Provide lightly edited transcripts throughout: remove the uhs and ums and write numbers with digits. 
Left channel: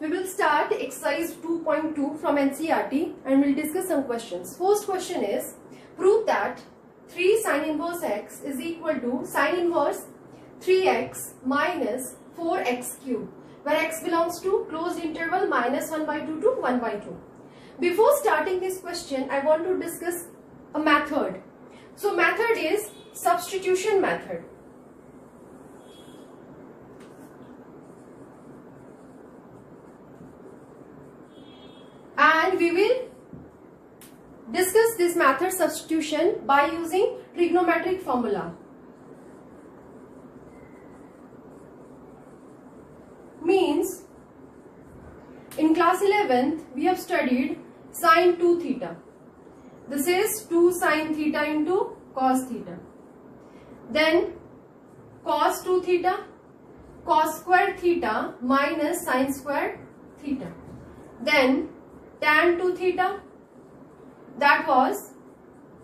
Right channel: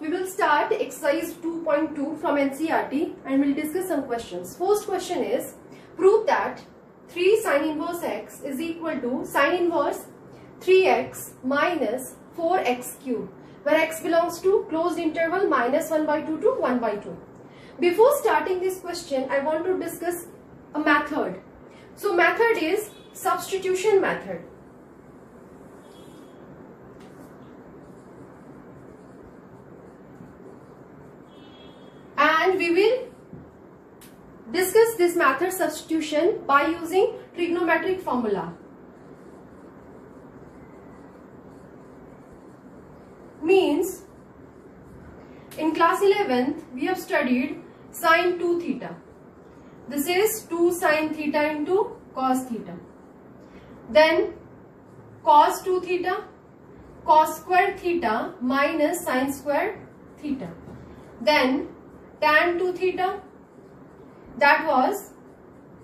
we will start exercise 2.2 from NCERT and we'll discuss some questions. First question is, prove that 3 sin inverse x is equal to sin inverse 3x minus 4x cube, where x belongs to closed interval minus 1 by 2 to 1 by 2. Before starting this question, I want to discuss a method. So method is substitution method. And we will discuss this method substitution by using trigonometric formula. Means in class 11th we have studied sin 2 theta. This is 2 sin theta into cos theta. Then cos 2 theta, cos square theta minus sin square theta. Then tan 2 theta, that was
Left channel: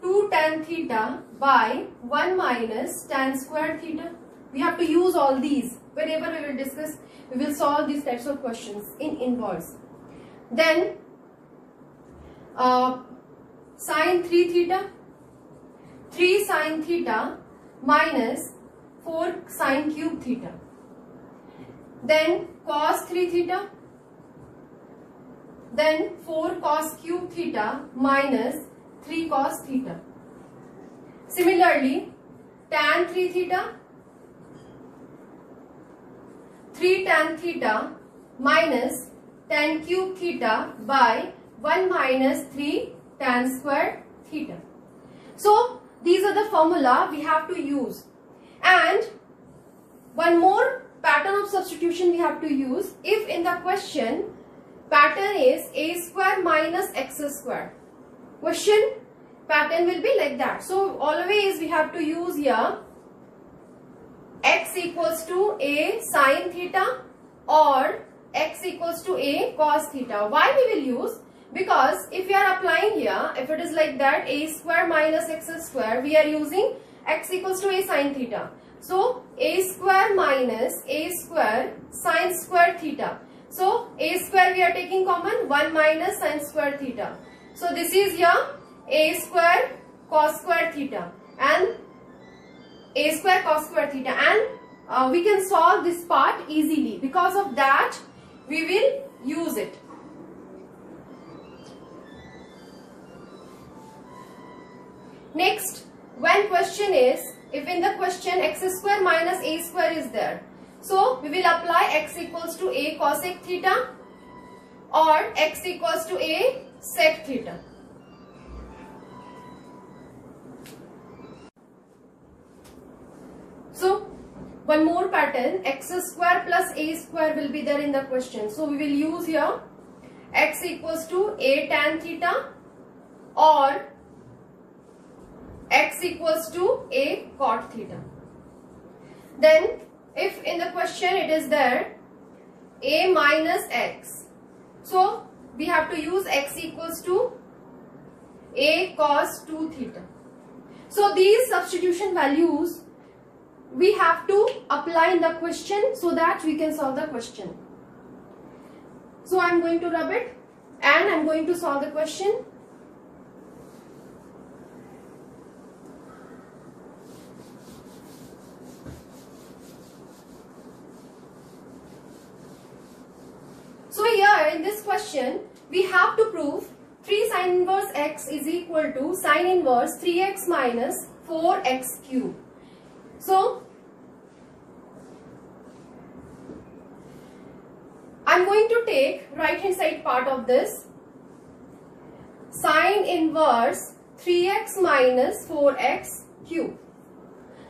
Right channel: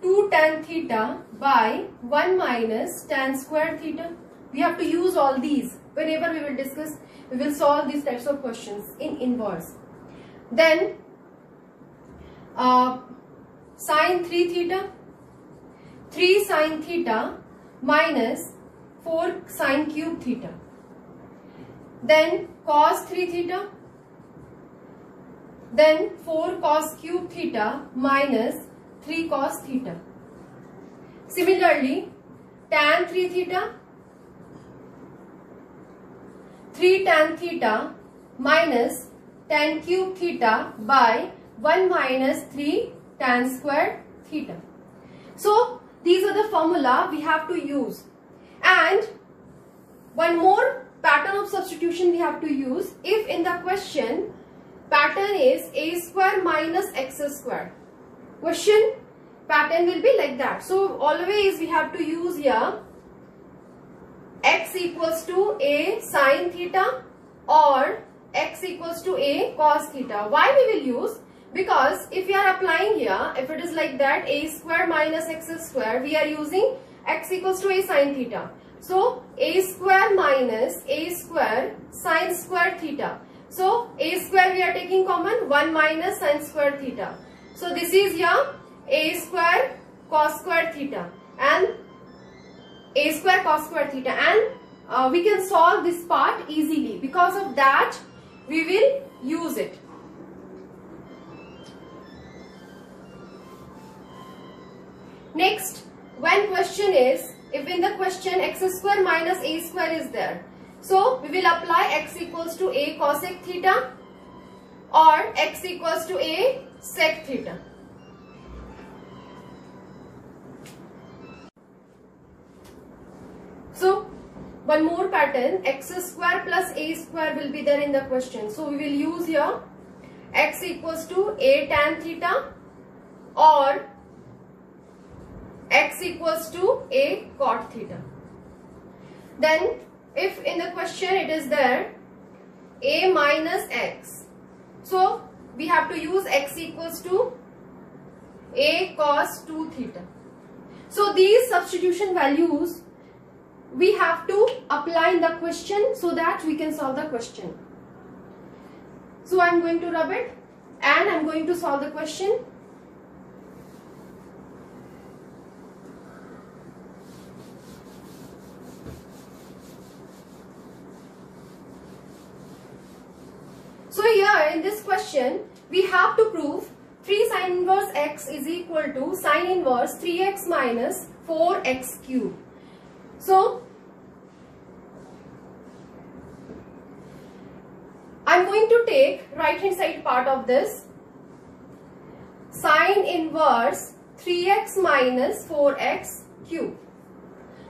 2 tan theta by 1 minus tan square theta. We have to use all these. Whenever we will discuss, we will solve these types of questions in inverse. Then sin 3 theta, 3 sin theta minus 4 sin cube theta. Then cos 3 theta, then 4 cos cube theta minus 3 cos theta. Similarly, tan 3 theta, 3 tan theta minus tan cube theta by 1 minus 3 tan square theta. So these are the formula we have to use. And one more pattern of substitution we have to use. If in the question pattern is a square minus x square, question pattern will be like that. So always we have to use here x equals to a sin theta or x equals to a cos theta. Why we will use? Because if we are applying here, if it is like that, a square minus x square, we are using x equals to a sin theta. So a square minus a square sin square theta. So a square we are taking common, 1 minus sin square theta. So this is here a square cos square theta and a square cos square theta, and we can solve this part easily. Because of that we will use it. Next, when question is, if in the question x square minus a square is there, so we will apply x equals to a cosec theta or x equals to a sec theta. So one more pattern, x square plus a square will be there in the question. So we will use here x equals to a tan theta or x equals to a cot theta. Then if in the question it is there a minus x, so we have to use x equals to a cos 2 theta. So these substitution values we have to apply in the question so that we can solve the question. So I am going to rub it and I am going to solve the question. So here in this question we have to prove 3 sin inverse x is equal to sin inverse 3x minus 4x cube. So I am going to take right hand side part of this, sin inverse 3x minus 4x cube.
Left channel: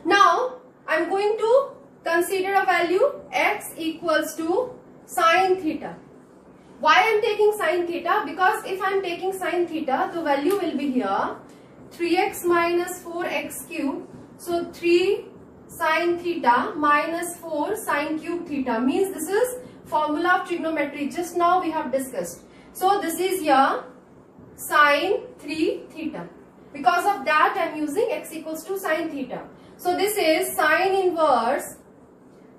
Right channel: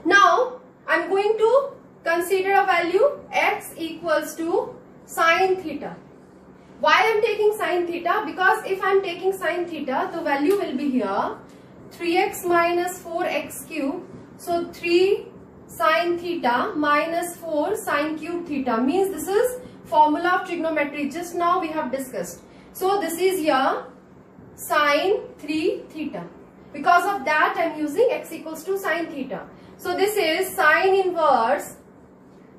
Now I am going to consider a value x equals to sin theta. Why I am taking sin theta? Because if I am taking sin theta, the value will be here 3x minus 4x cube. So 3 sin theta minus 4 sin cube theta, means this is formula of trigonometry. Just now we have discussed. So this is here sin 3 theta. Because of that I am using x equals to sin theta. So this is sin inverse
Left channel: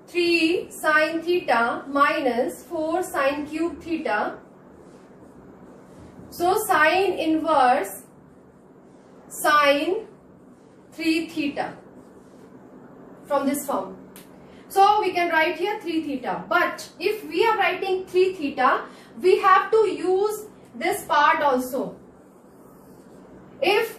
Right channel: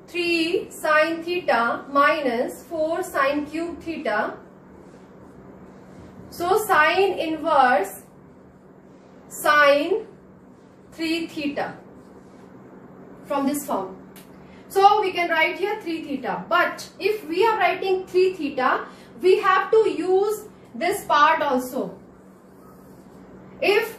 3 sine theta minus 4 sine cube theta. So sine inverse sine 3 theta from this form. So we can write here 3 theta. But if we are writing 3 theta, we have to use this part also. If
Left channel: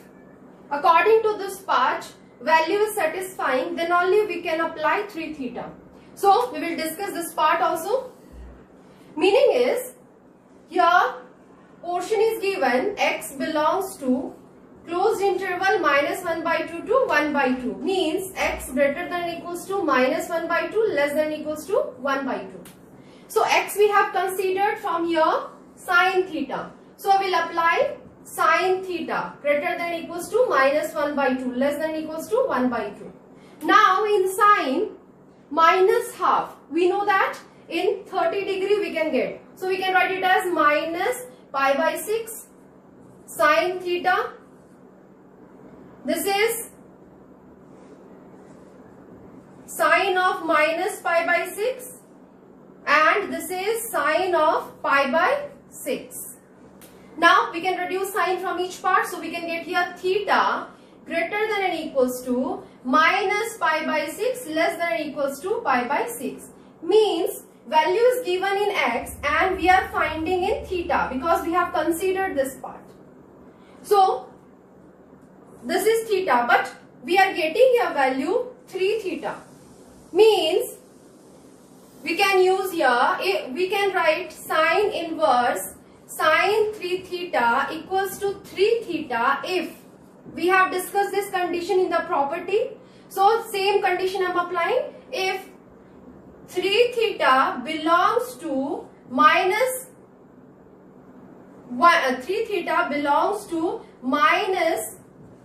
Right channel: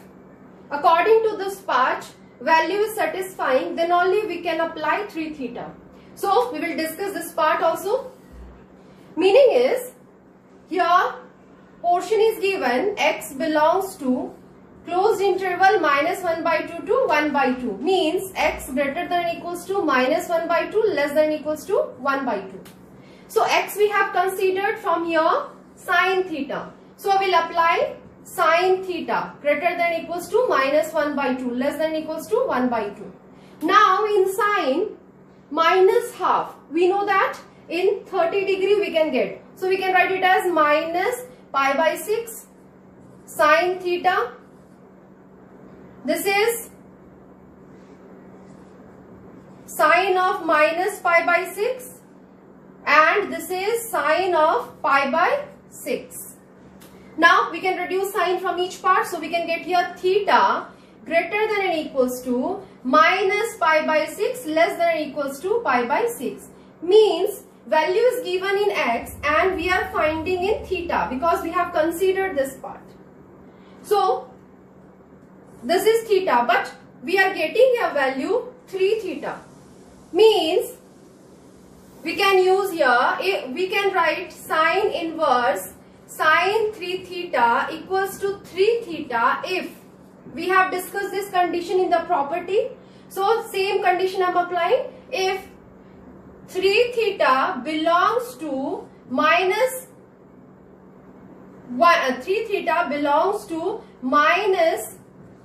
according to this part value is satisfying, then only we can apply 3 theta. So we will discuss this part also. Meaning is, here portion is given x belongs to closed interval minus 1 by 2 to 1 by 2. Means x greater than or equals to minus 1 by 2 less than or equals to 1 by 2. So x we have considered from here sine theta. So we will apply sine theta greater than or equals to minus 1 by 2 less than or equals to 1 by 2. Now in sine minus half, we know that in 30 degree we can get. So we can write it as minus pi by 6 sine theta. This is sine of minus pi by 6 and this is sine of pi by 6. Now we can reduce sine from each part, so we can get here theta greater than or equals to minus pi by 6 less than or equals to pi by 6. Means value is given in x and we are finding in theta because we have considered this part. So this is theta, but we are getting a value 3 theta. Means we can use here, we can write sine inverse sine 3 theta equals to 3 theta if we have discussed this condition in the property. So same condition I am applying. If 3 theta belongs to minus 3 theta belongs to minus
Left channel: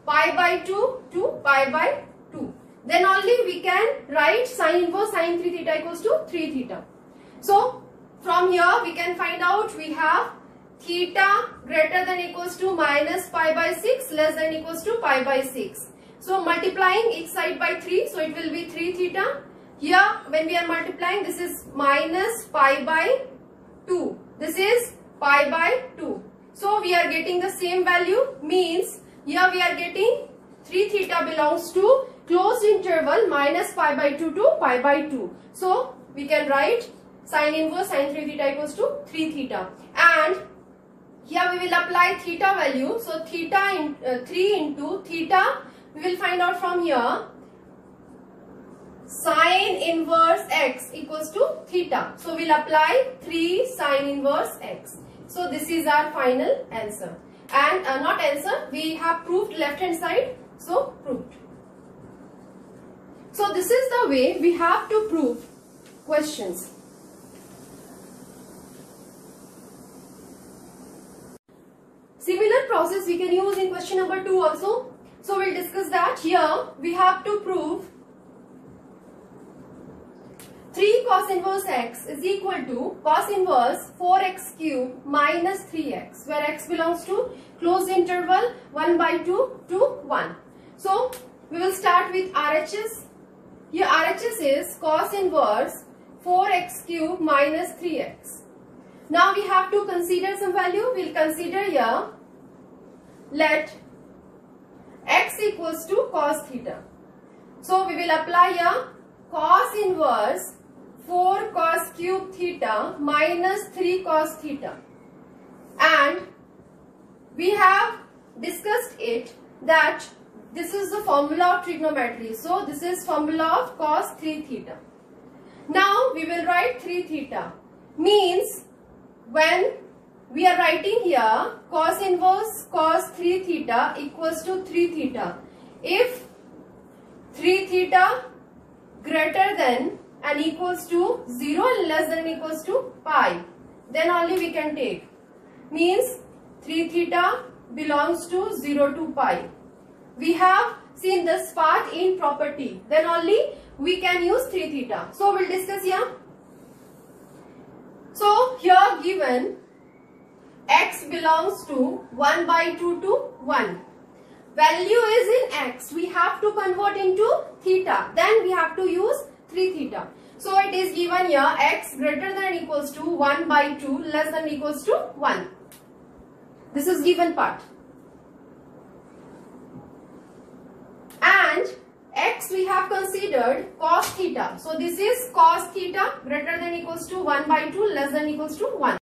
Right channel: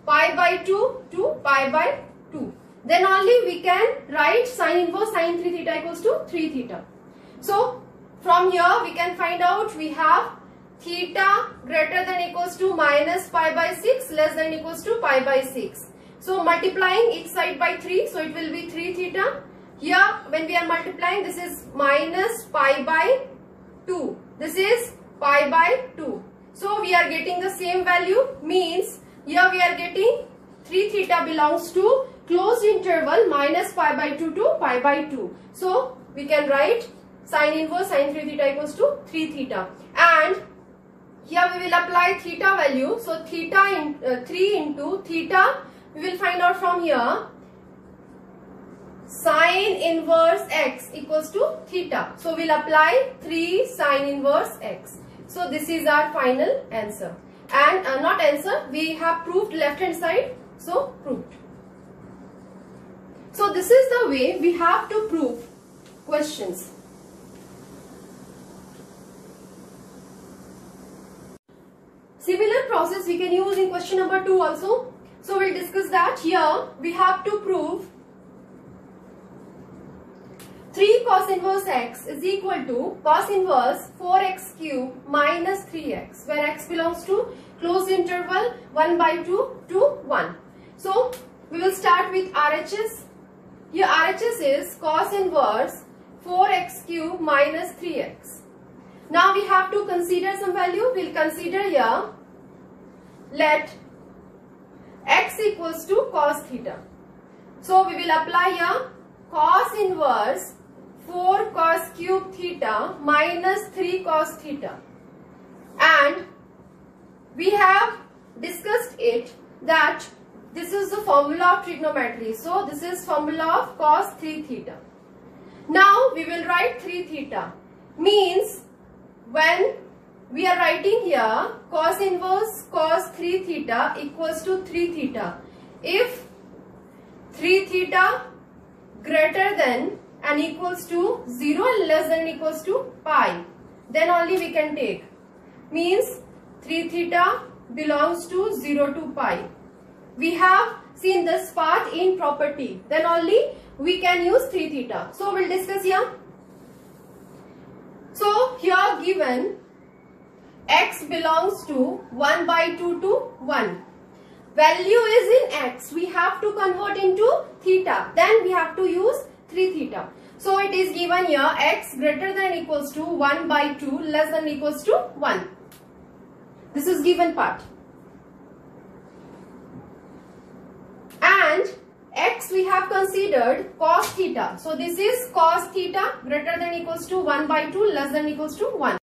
pi by 2 to pi by 2, then only we can write sine inverse sine 3 theta equals to 3 theta. So from here we can find out we have theta greater than equals to minus pi by 6 less than equals to pi by 6. So multiplying each side by 3, so it will be 3 theta. Here when we are multiplying, this is minus pi by 2. This is pi by 2. So we are getting the same value. Means here we are getting 3 theta belongs to closed interval minus pi by 2 to pi by 2. So we can write sine inverse sine 3 theta equals to 3 theta. And here we will apply theta value. So theta in 3 into theta we will find out from here sine inverse x equals to theta. So we will apply 3 sine inverse x. So this is our final answer. And not answer, we have proved left hand side. So proved. So this is the way we have to prove questions. Similar process we can use in question number 2 also. So we'll discuss that. Here we have to prove 3 cos inverse x is equal to cos inverse 4x cube minus 3x, where x belongs to closed interval 1 by 2 to 1. So we will start with RHS. Here RHS is cos inverse 4x cube minus 3x. Now we have to consider some value. We'll consider here, let x equals to cos theta. So we will apply here cos inverse 4 cos cube theta minus 3 cos theta. And we have discussed it that this is the formula of trigonometry. So this is formula of cos 3 theta. Now we will write 3 theta. Means when we are writing here cos inverse cos 3 theta equals to 3 theta. If 3 theta greater than and equals to 0 and less than equals to pi, then only we can take. Means 3 theta belongs to 0 to pi. We have seen this part in property. Then only we can use 3 theta. So we'll discuss here. So here given x belongs to 1 by 2 to 1. Value is in x. We have to convert into theta. Then we have to use 3 theta. So it is given here x greater than equals to 1 by 2 less than equals to 1. This is given part. And x we have considered cos theta. So this is cos theta greater than equals to 1 by 2 less than equals to 1.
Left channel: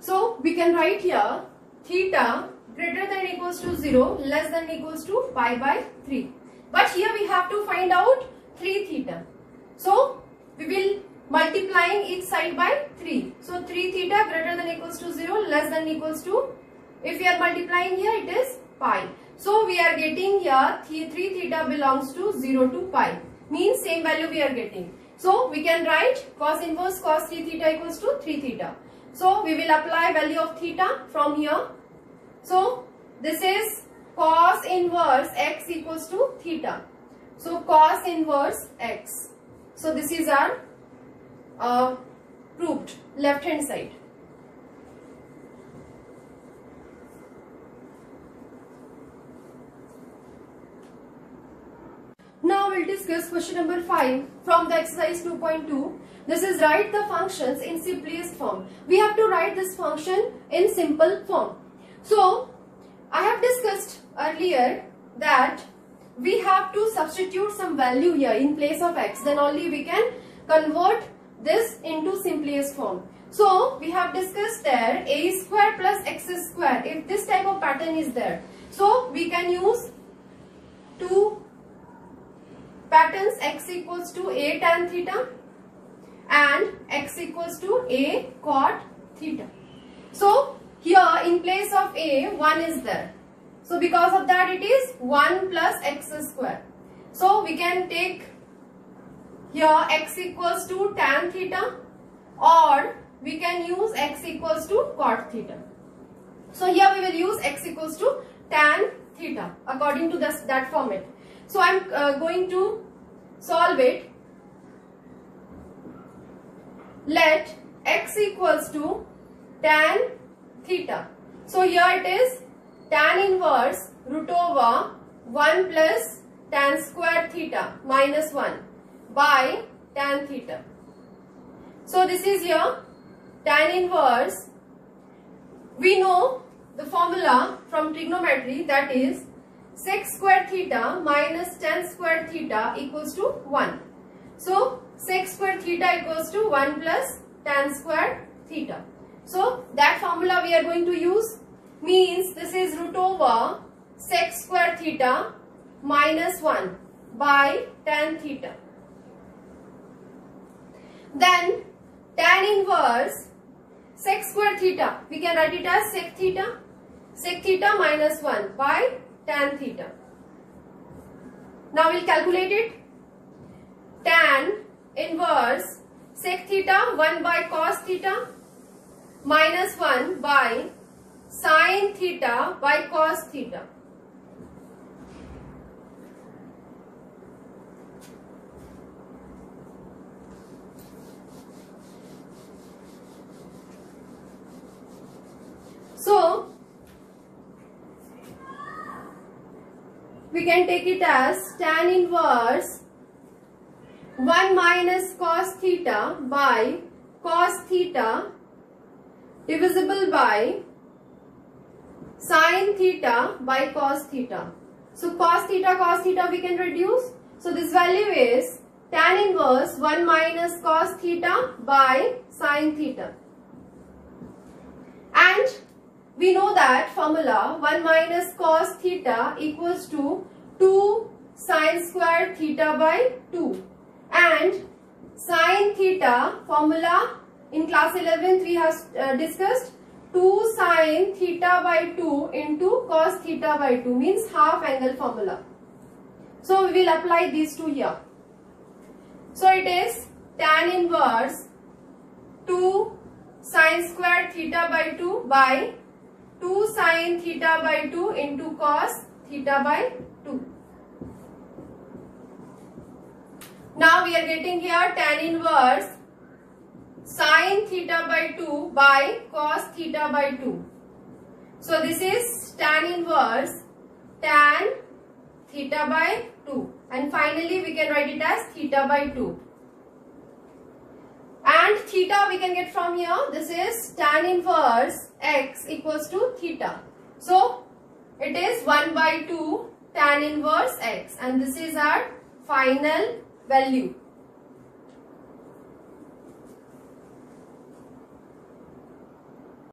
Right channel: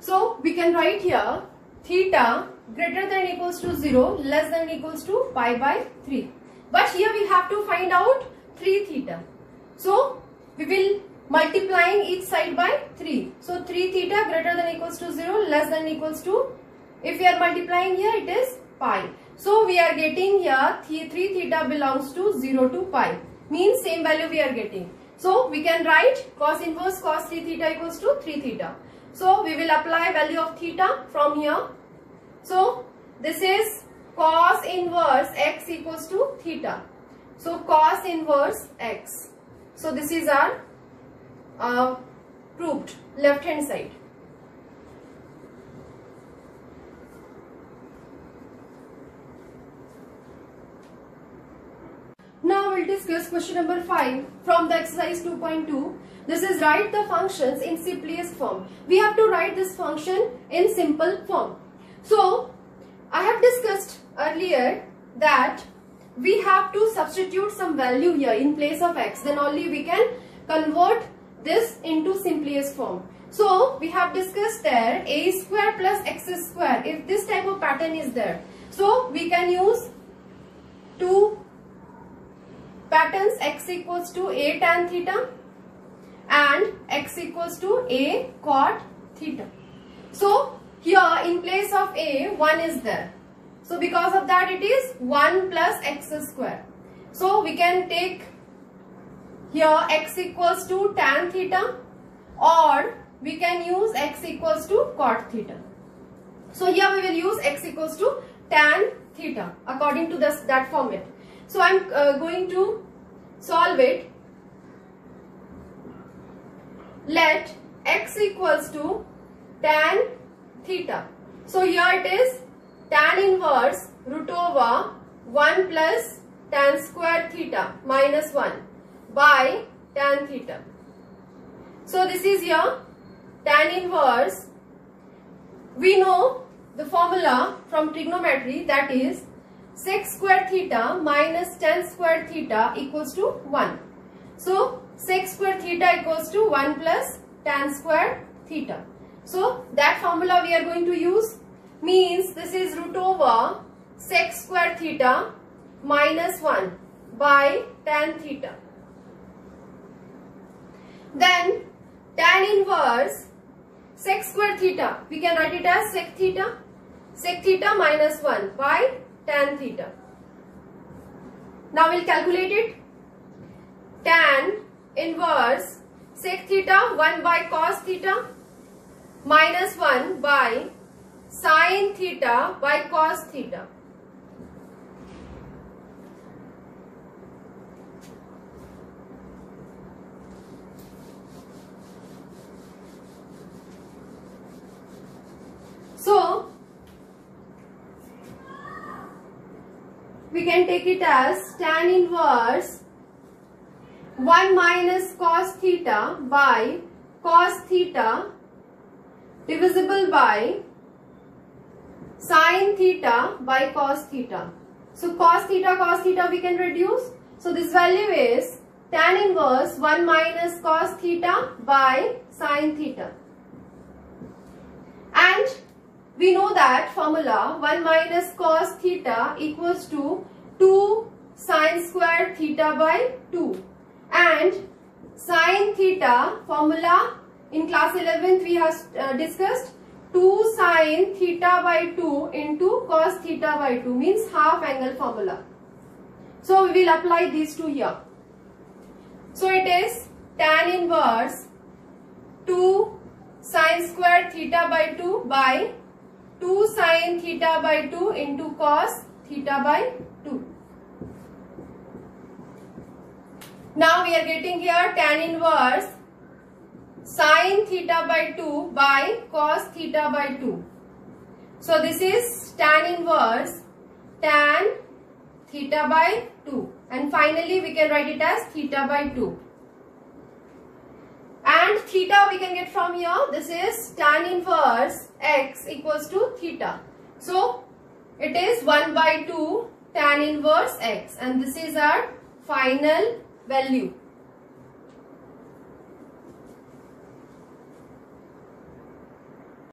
So we can write here theta greater than equals to 0 less than equals to pi by 3. But here we have to find out 3 theta. So we will multiplying each side by 3. So 3 theta greater than equals to 0 less than equals to, if we are multiplying here it is pi. So we are getting here 3 theta belongs to 0 to pi. Means same value we are getting. So we can write cos inverse cos 3 theta equals to 3 theta. So we will apply value of theta from here. So this is cos inverse x equals to theta. So cos inverse x. So this is our proved left hand side. Now we'll discuss question number 5 from the exercise 2.2. This is write the functions in simplest form. We have to write this function in simple form. So I have discussed earlier that we have to substitute some value here in place of x, then only we can convert this into simplest form. So we have discussed there a square plus x square, if this type of pattern is there. So we can use two patterns, x equals to a tan theta and x equals to a cot theta. So here in place of a, 1 is there. So because of that it is 1 plus x square. So we can take here x equals to tan theta, or we can use x equals to cot theta. So here we will use x equals to tan theta according to that format. So I am going to solve it. Let x equals to tan theta. So here it is tan inverse root over 1 plus tan square theta minus 1 by tan theta. So this is here tan inverse. We know the formula from trigonometry, that is sec square theta minus tan square theta equals to 1. So sec square theta equals to 1 plus tan square theta. So that formula we are going to use, means this is root over sec square theta minus 1 by tan theta. Then tan inverse sec square theta, we can write it as sec theta minus 1 by tan theta. Now we'll calculate it. Tan inverse sec theta 1 by cos theta minus 1 by sin theta by cos theta. So we can take it as tan inverse 1 minus cos theta by cos theta divisible by sin theta by cos theta. So cos theta we can reduce. So this value is tan inverse 1 minus cos theta by sin theta. And we know that formula 1 minus cos theta equals to 2 sin square theta by 2. And sin theta formula in class 11th we have discussed 2 sin theta by 2 into cos theta by 2, means half angle formula. So we will apply these two here. So it is tan inverse 2 sin square theta by 2 by 2 sin theta by 2 into cos theta by 2. Now we are getting here tan inverse sin theta by 2 by cos theta by 2. So this is tan inverse tan theta by 2, and finally we can write it as theta by 2. And theta we can get from here. This is tan inverse x equals to theta. So it is 1/2 tan inverse x, and this is our final value.